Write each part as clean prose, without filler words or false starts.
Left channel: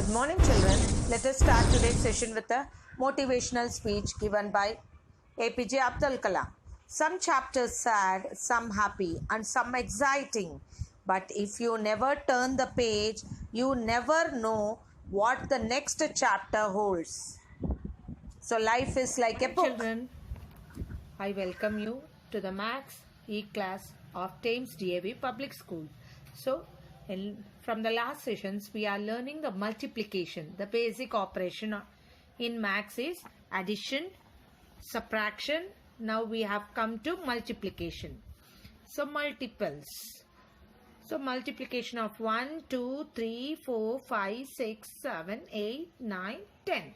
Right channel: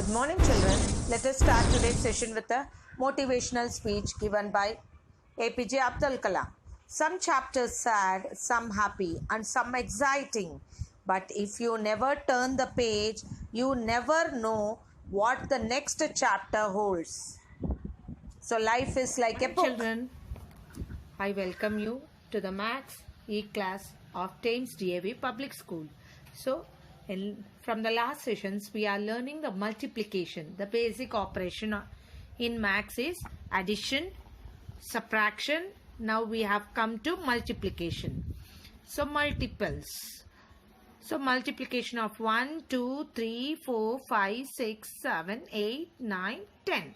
Good morning, children. Let us start today's session with a motivational speech given by APJ Abdul Kalam. Some chapters sad, some happy, and some exciting. But if you never turn the page, you never know what the next chapter holds. So, life is like a book. Children, I welcome you to the Maths E-class of Thames DAV Public School. So, from the last sessions, we are learning the multiplication. The basic operation in Maths is addition, subtraction. Now we have come to multiplication. So, multiples. So, multiplication of 1, 2, 3, 4, 5, 6, 7, 8, 9, 10.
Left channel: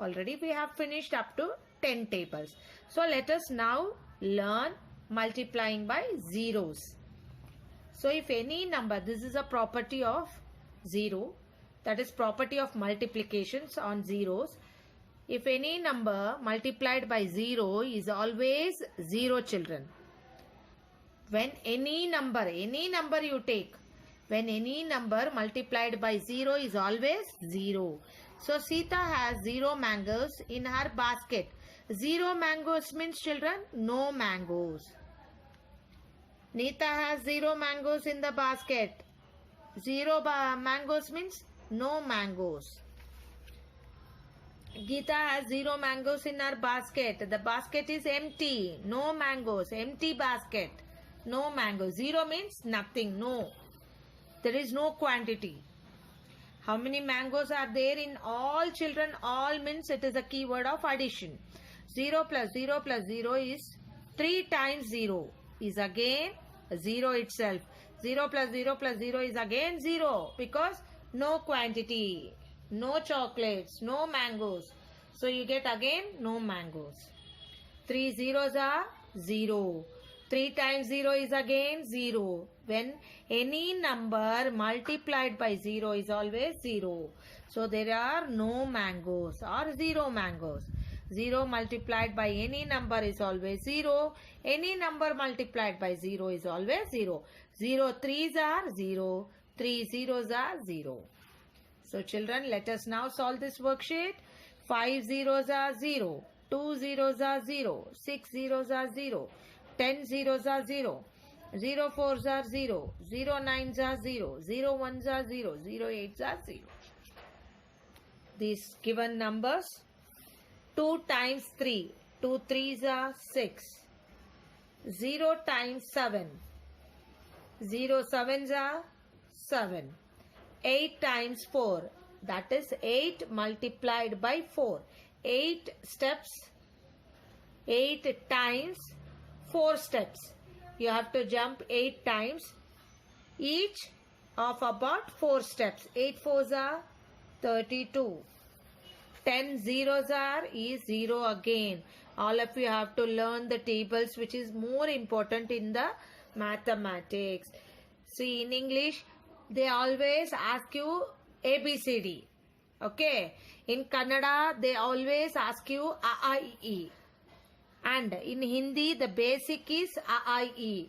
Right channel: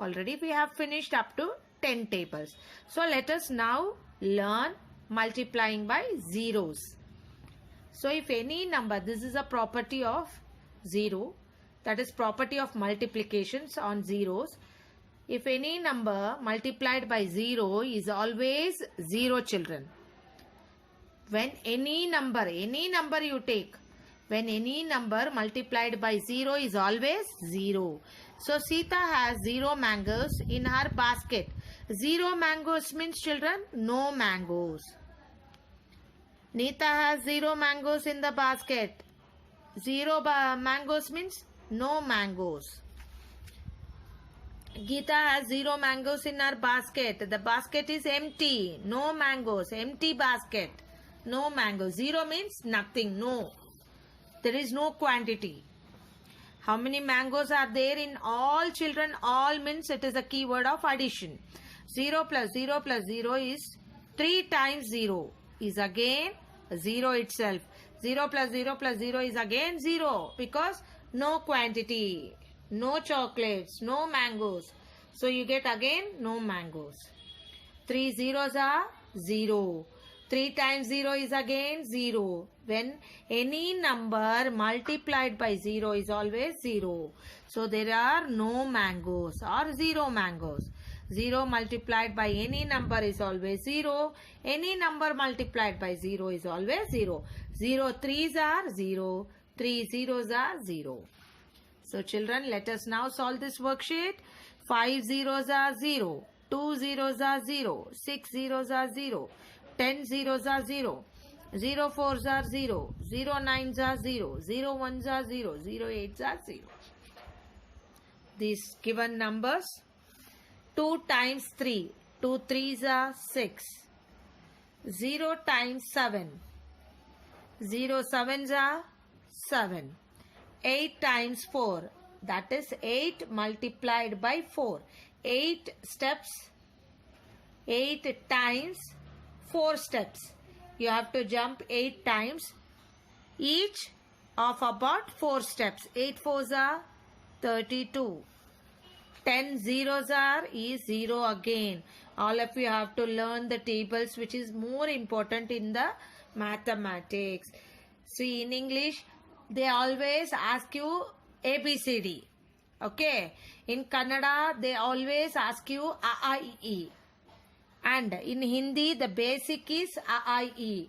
Already we have finished up to 10 tables. So, let us now learn multiplying by zeros. So, if any number, this is a property of 0, that is property of multiplications on zeros. If any number multiplied by 0 is always 0, children. When any number you take, when any number multiplied by 0 is always 0. So, Sita has 0 mangoes in her basket. 0 mangoes means, children, no mangoes. Nita has 0 mangoes in the basket. 0 mangoes means no mangoes. Geeta has 0 mangoes in her basket. The basket is empty. No mangoes. Empty basket. No mangoes. 0 means nothing. No. There is no quantity. How many mangoes are there in all, children? All means it is a keyword of addition. 0 plus 0 plus 0 is 3 times 0 is again 0 itself. 0 plus 0 plus 0 is again 0 because no quantity, no chocolates, no mangoes. So you get again no mangoes. 3 zeros are 0. 3 times 0 is again 0. When any number multiplied by 0 is always 0. So there are no mangoes or 0 mangoes. 0 multiplied by any number is always 0. Any number multiplied by 0 is always 0. 0 3s are 0. 3 zeros are 0. So children, let us now solve this worksheet. 5 zeros are 0. 2 zeros are 0. 6 zeros are 0. 10 zeros are 0. 0 4s are 0. 0 9s are 0. 0 1s are 0. 0 8s are 0. These given numbers, 2 times 3. 2 3s are 6. 0 times 7. 0 7s are 7. 8 times 4. That is 8 multiplied by 4. 8 steps. 8 times 4 steps. You have to jump 8 times. Each of about 4 steps. 8 4s are 32. 10 zeros are is 0 again. All of you have to learn the tables, which is more important in the mathematics. See, in English, they always ask you ABCD. Okay. In Kannada, they always ask you A, I, E. And in Hindi, the basic is A, I, E.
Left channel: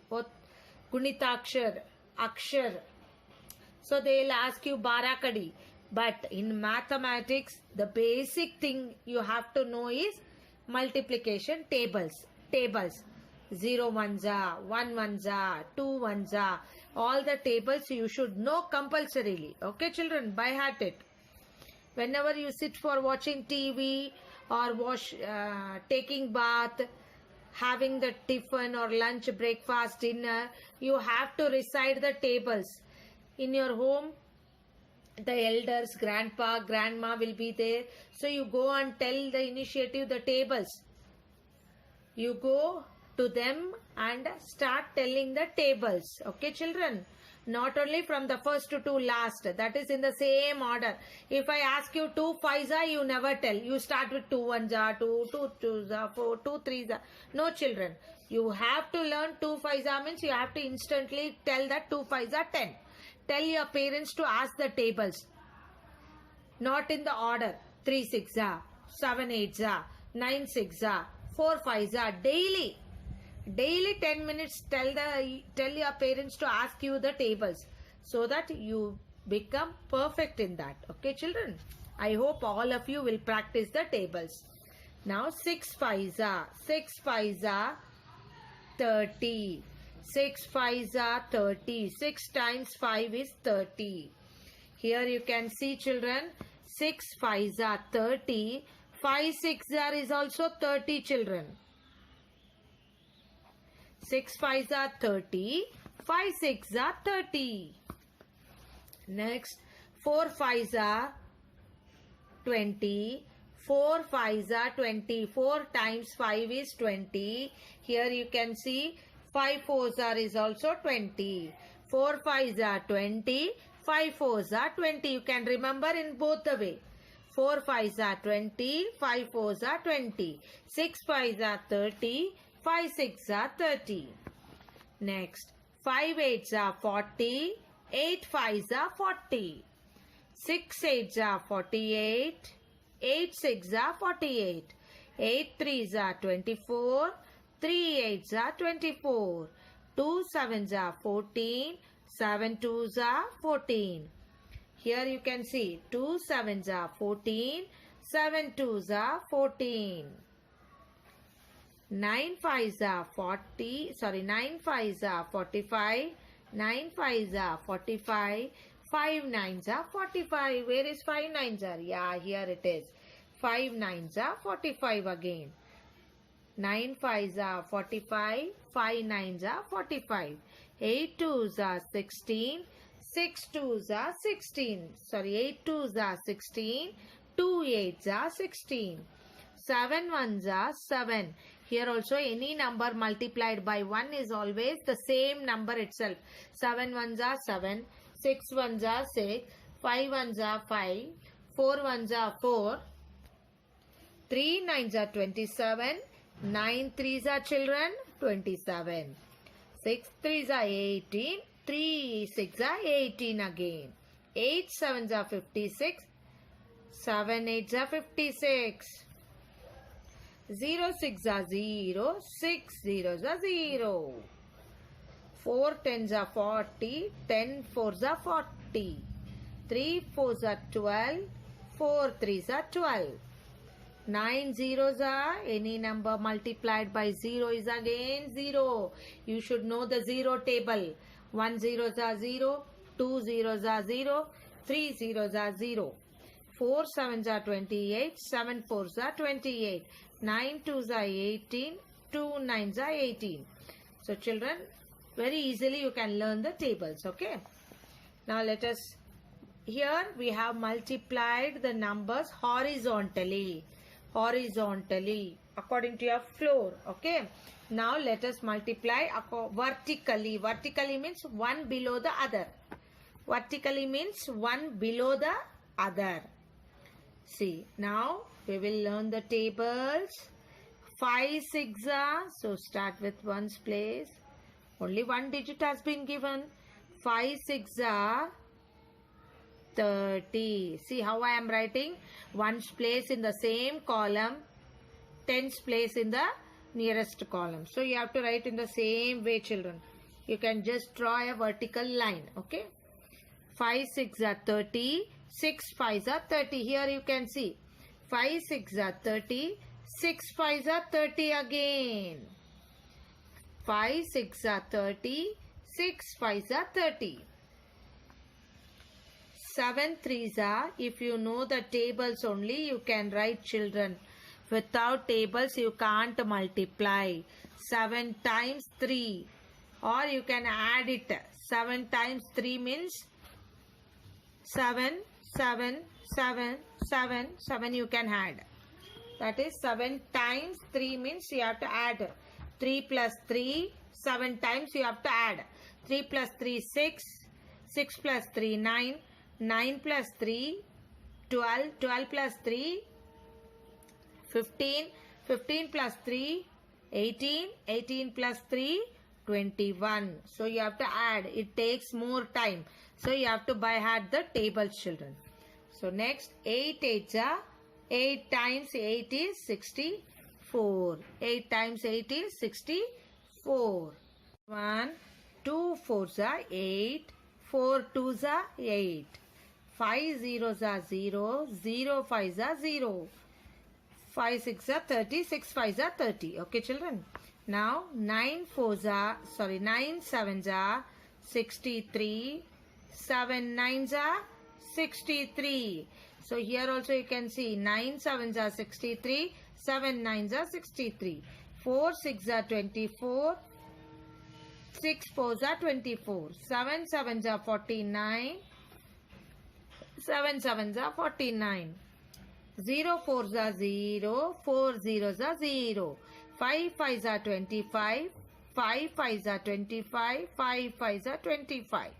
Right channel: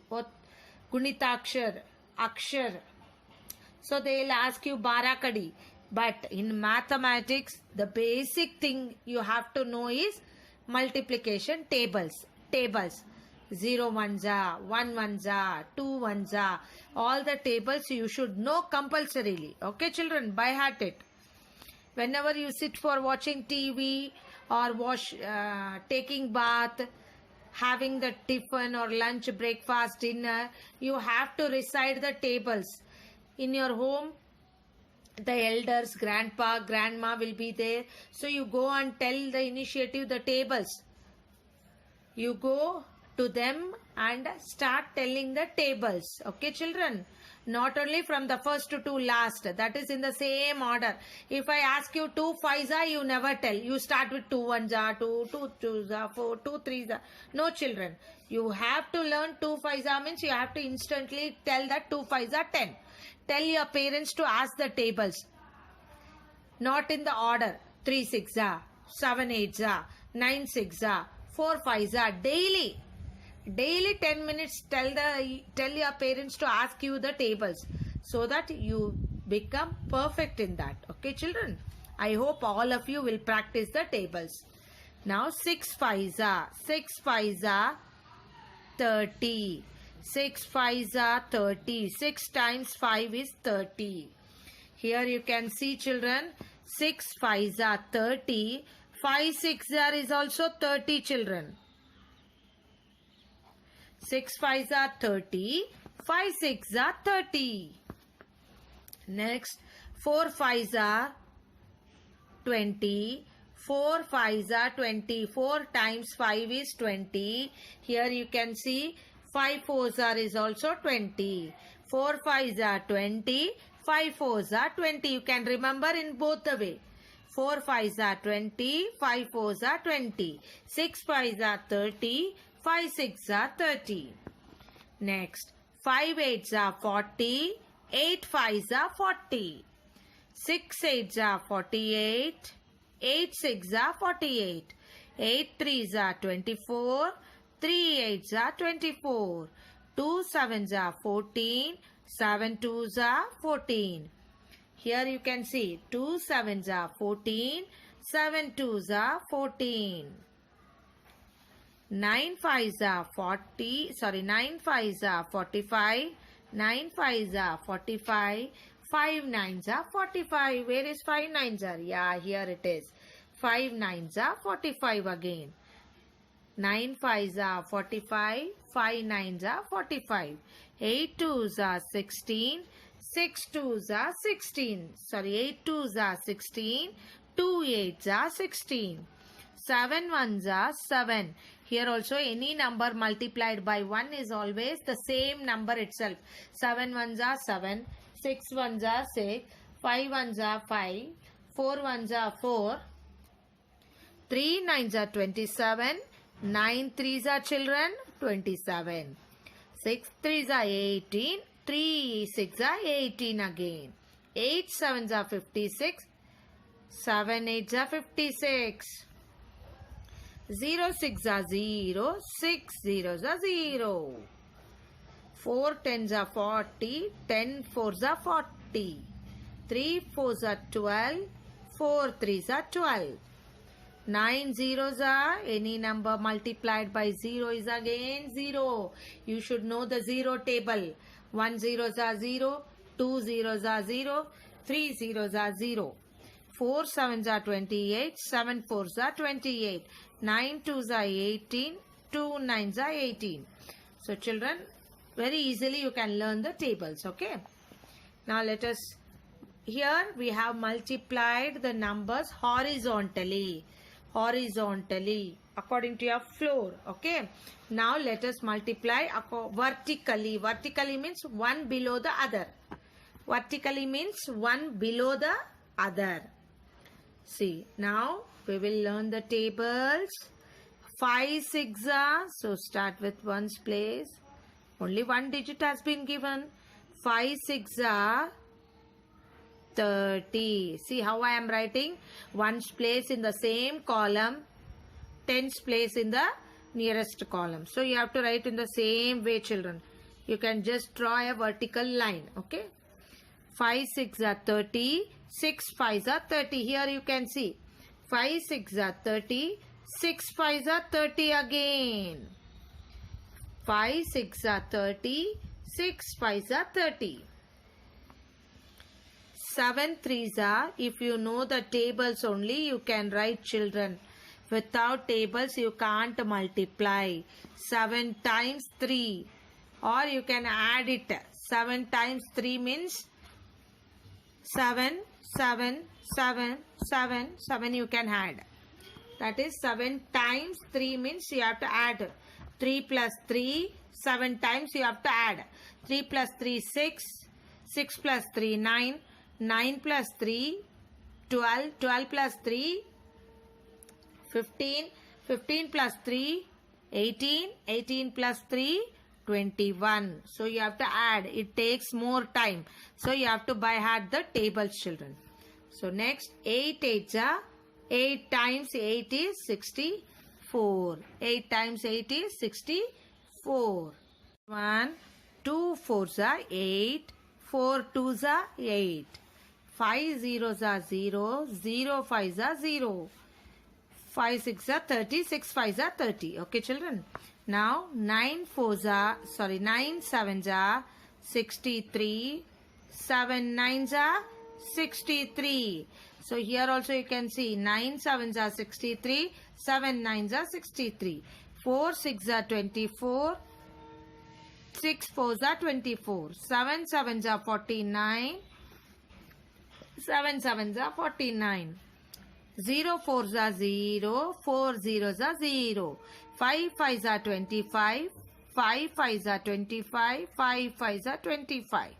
Gunitakshar, Akshar. So they will ask you Barakadi. But in mathematics, the basic thing you have to know is multiplication tables. 0 1s are, 1 1s are, 2 1s are. All the tables you should know compulsorily. Okay, children, by heart it. Whenever you sit for watching TV or taking bath, having the tiffin or lunch, breakfast, dinner, you have to recite the tables. In your home, the elders, grandpa, grandma will be there. So you go and tell the initiative the tables. You go to them and start telling the tables. Okay, children? Not only from the first to last. That is in the same order. If I ask you 2 5s are, you never tell. You start with 2 1s are, 2 2s are, 4 2 3s are. No, children. You have to learn 2 5s are means you have to instantly tell that 2 5s are 10. Tell your parents to ask the tables. Not in the order. 3 6 are, 7 8s are, 9 6 are, 4 5s are. Daily 10 minutes tell your parents to ask you the tables, so that you become perfect in that. Okay, children? I hope all of you will practice the tables. Now 6 5s are 30. 6 5s are 30. 6 times 5 is 30. Here you can see, children, 6 5s are 30. 5 6 are is also 30, children. 6 5s are 30. 5 6 are 30. Next, 4 5s are 20. 4 5s are 20. 4 times 5 is 20. Here you can see 5 4s are is also 20. 4 5s are 20. 5 4s are 20. You can remember in both the way. 4 5s are 20. 5 4s are 20. 6 5s are 30. 5 6 are 30. Next, 5 8s are 40. 8 5s are 40. 6 8s are 48. 8 6s are 48. 8 3s are 24. 3 8s are 24. 2 7s are 14. 7 2s are 14. Here you can see 2 7s are 14. 7 2s are 14. 9 5s are 40. 9 5s are 45. 9 5s are 45. 5 9s are 45. Where is 5 9s are? Yeah, here it is. 5 9s are 45 again. 9 5s are 45. 5 9s are 45. 8 2s are 16. 6 2s are 16. 8 2s are 16. 2 8s are 16. 7 1s are 7. Here also any number multiplied by 1 is always the same number itself. 7 1s are 7. 6 1s are 6. 5 1s are 5. 4 1s are 4. 3 9s are 27. 9 3s are children 27. 6 3s are 18. 3 6 are 18 again. 8 7s are 56. 7 8s are 56. 0 6 are 0. 6 zeros are 0. 4 10s are 40. 10 4s are 40. 3 4s are 12. 4 3s are 12. 9 zeros are any number multiplied by 0 is again 0. You should know the 0 table. 1 zeros are 0. 2 zeros are 0. 3 zeros are 0. 4 7s are 28. 7 4s are 28. 9 2s are 18. 2 9s are 18. So children, very easily you can learn the tables. Okay. Now let us, here we have multiplied the numbers horizontally according to your floor. Okay. Now let us multiply vertically. Vertically means one below the other. Vertically means one below the other. See, now we will learn the tables. 5 6 are, so start with ones place. Only one digit has been given. 5 6 are 30. See how I am writing? Ones place in the same column, tens place in the nearest column. So you have to write in the same way, children. You can just draw a vertical line. Okay. 5 6 are 30. 6 5s are 30. Here you can see 5 6 are 30. 6 5s are 30 again. 5 6 are 30. 6 5s are 30. 7 3s are, if you know the tables only, you can write, children. Without tables, you can't multiply. 7 times 3. Or you can add it. 7 times 3 means 7, 7, 7, 7, 7 you can add. That is 7 times 3 means you have to add. 3 plus 3, 7 times you have to add. 3 plus 3, 6. 6 plus 3, 9. 9 plus 3, 12. 12 plus 3, 15. 15 plus 3, 18. 18 plus 3, 21. So you have to add. It takes more time. So you have to by heart the tables, children. So next, 8 8s are 8 times 8 is 64. 8 times 8 is 64. 1 2 4s are 8. 4 2s are 8. 5 zeros are 0, 0 5s are 0. 5 6 are 30, 6 5s are 30. Okay, children. Now 9 7s are 63, 7 9s are 63. So here also you can see 9 7s are 63, 7 9s are 63. 4 6s are 24, 6 4s are 24. 7 7s are 49, 7 7s are 49. 0 4s are 0, 4 zeros are 0. 5 5s are 25, 5 5s are 25, 5 5s are 25.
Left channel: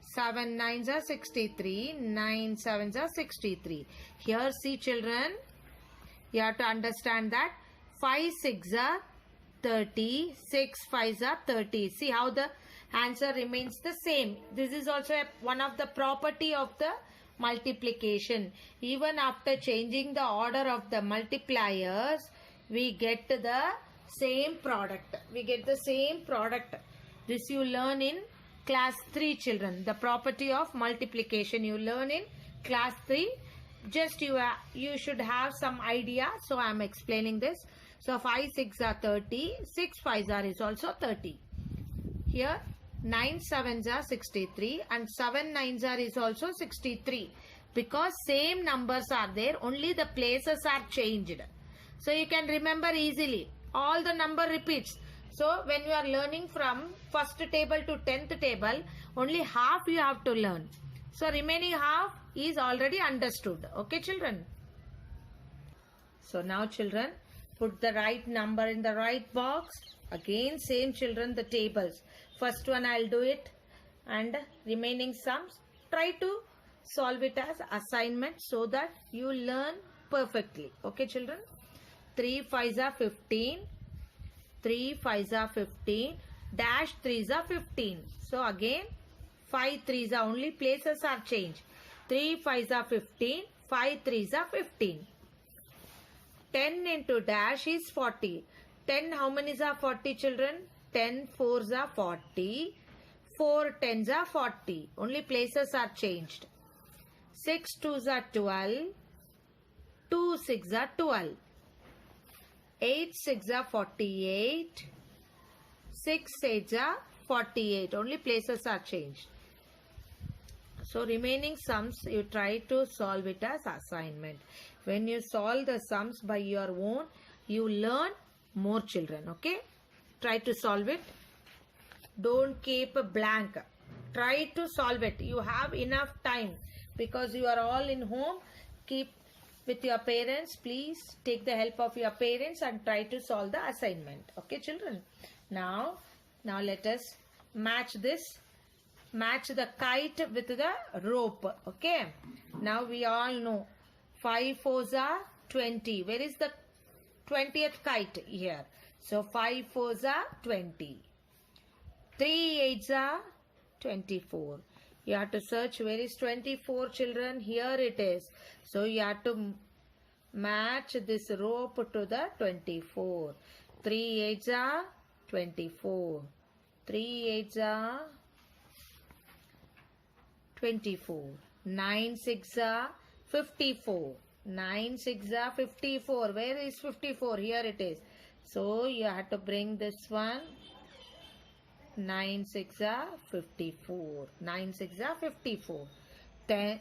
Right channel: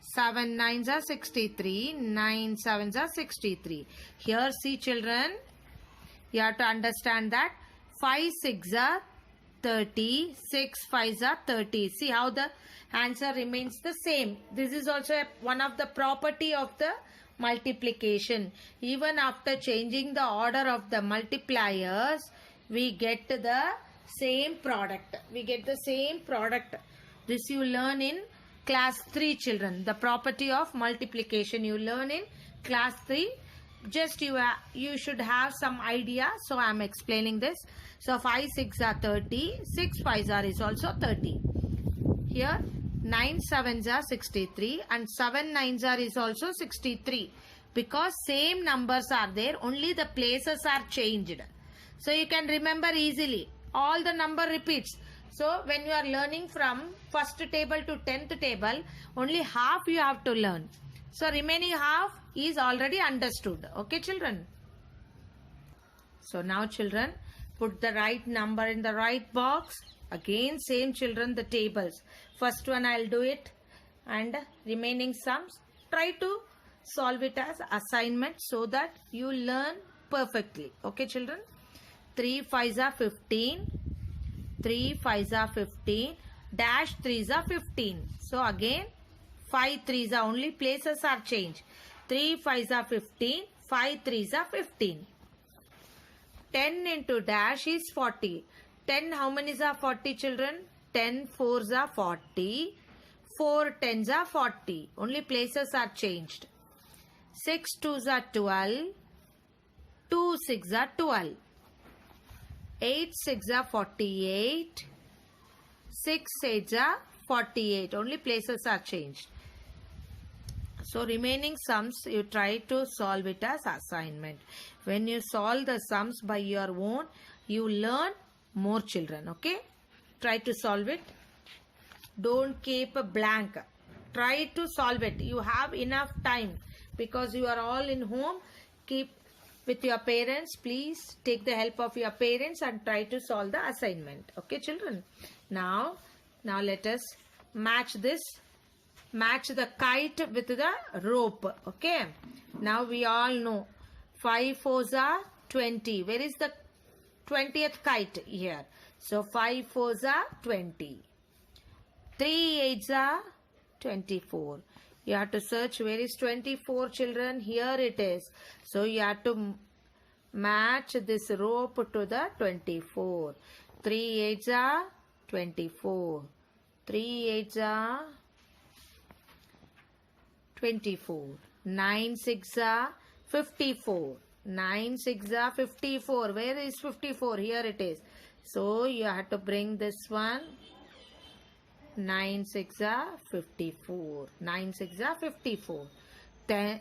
7 9s are 63, 9 7s are 63. Here see children, you have to understand that 5 6 are 30, 6 5s are 30. See how the answer remains the same. This is also one of the property of the multiplication. Even after changing the order of the multipliers, we get the same product. We get the same product. This you learn in class 3 children. The property of multiplication you learn in class 3. Just you should have some idea. So I am explaining this. So 5 6 are 30. 6 5s are is also 30. Here 9 7s are 63 and 7 9s are is also 63. Because same numbers are there, only the places are changed. So you can remember easily. All the number repeats. So when you are learning from first table to 10th table, only half you have to learn. So remaining half is already understood. Okay children? So now children, put the right number in the right box. Again same children, the tables. First one I will do it and remaining sums. Try to solve it as assignment so that you learn perfectly. Okay children? 3 5s are 15. 3 5s are 15. Dash 3s are 15. So again 5 3s are only places are changed. 3 5s are 15. 5 3s are 15. 10 into dash is 40. 10 how many are 40 children? 10 4s are 40. 4 10s are 40. Only places are changed. 6 2s are 12. 2 6 are 12. 8 6 are 48. 6 8 are 48. Only places are changed. So remaining sums you try to solve it as assignment. When you solve the sums by your own, you learn more children. Okay? Try to solve it. Don't keep a blank. Try to solve it. You have enough time because you are all in home. Keep with your parents. Please take the help of your parents and try to solve the assignment. Okay children? Now let us match this. Match the kite with the rope. Okay? Now we all know 5 4s are 20. Where is the 20th kite? Here. So 5 4s are 20. 3 8s are 24. You have to search where is 24 children. Here it is. So you have to match this rope to the 24. 3 8s are 24. 3 8s are 24. 9 6 are 54. 9 6 are 54. Where is 54? Here it is. So you have to bring this one. 9 6 are 54. 9 6 are 54. 10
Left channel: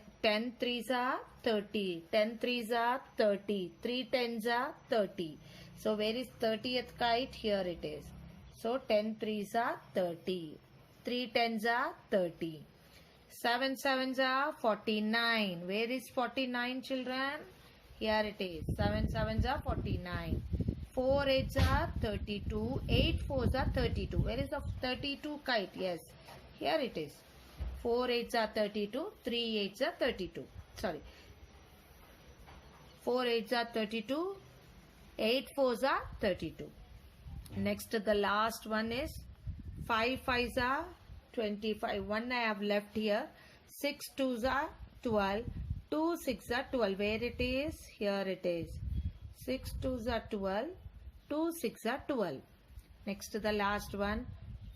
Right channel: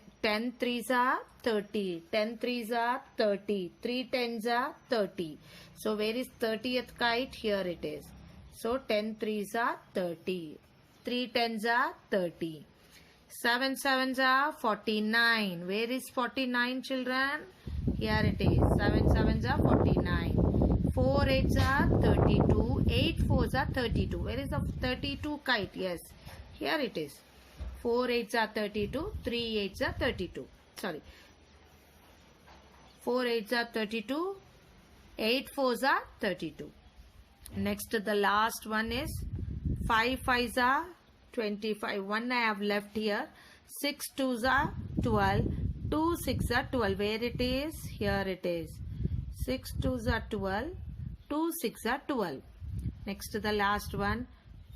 3s are 30. 10 3s are 30. 3 10s are 30. So where is 30th kite? Here it is. So 10 3s are 30. 3 10s are 30. 7 7s are 49. Where is 49 children? Here it is. 7 7s are 49. 4 8s are 32. 8 4s are 32. Where is the 32 kite? Yes. Here it is. 4 8s are 32. 3 8s are 32. Sorry. 4 8s are 32. 8 4s are 32. Next the last one is 5 5s are 25. 1 I have left here. 6 2s are 12. 2 6 are 12. Where it is? Here it is. 6 2s are 12. 2 6 are 12. Next the last one.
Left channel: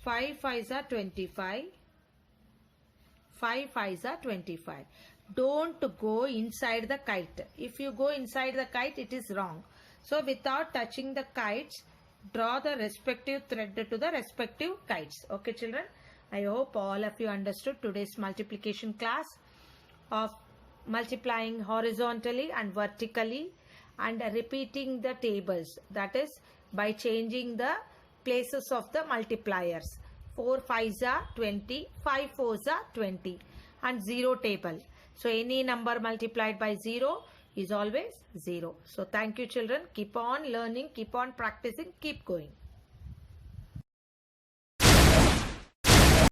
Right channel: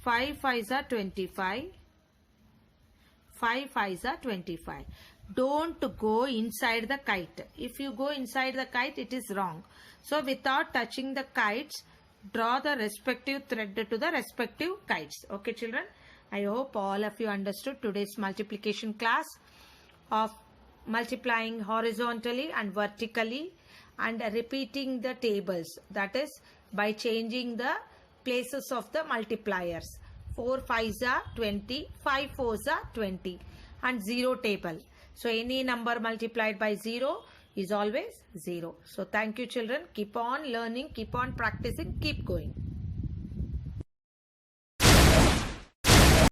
5 5s are 25. 5 5s are 25. don't go inside the kite. If you go inside the kite, it is wrong. So without touching the kites, draw the respective thread to the respective kites. Okay children, I hope all of you understood today's multiplication class of multiplying horizontally and vertically and repeating the tables, that is by changing the places of the multipliers. 4 5s are 20, 5 4s are 20 and 0 table. So any number multiplied by 0 is always 0. So thank you children. Keep on learning, keep on practicing, keep going.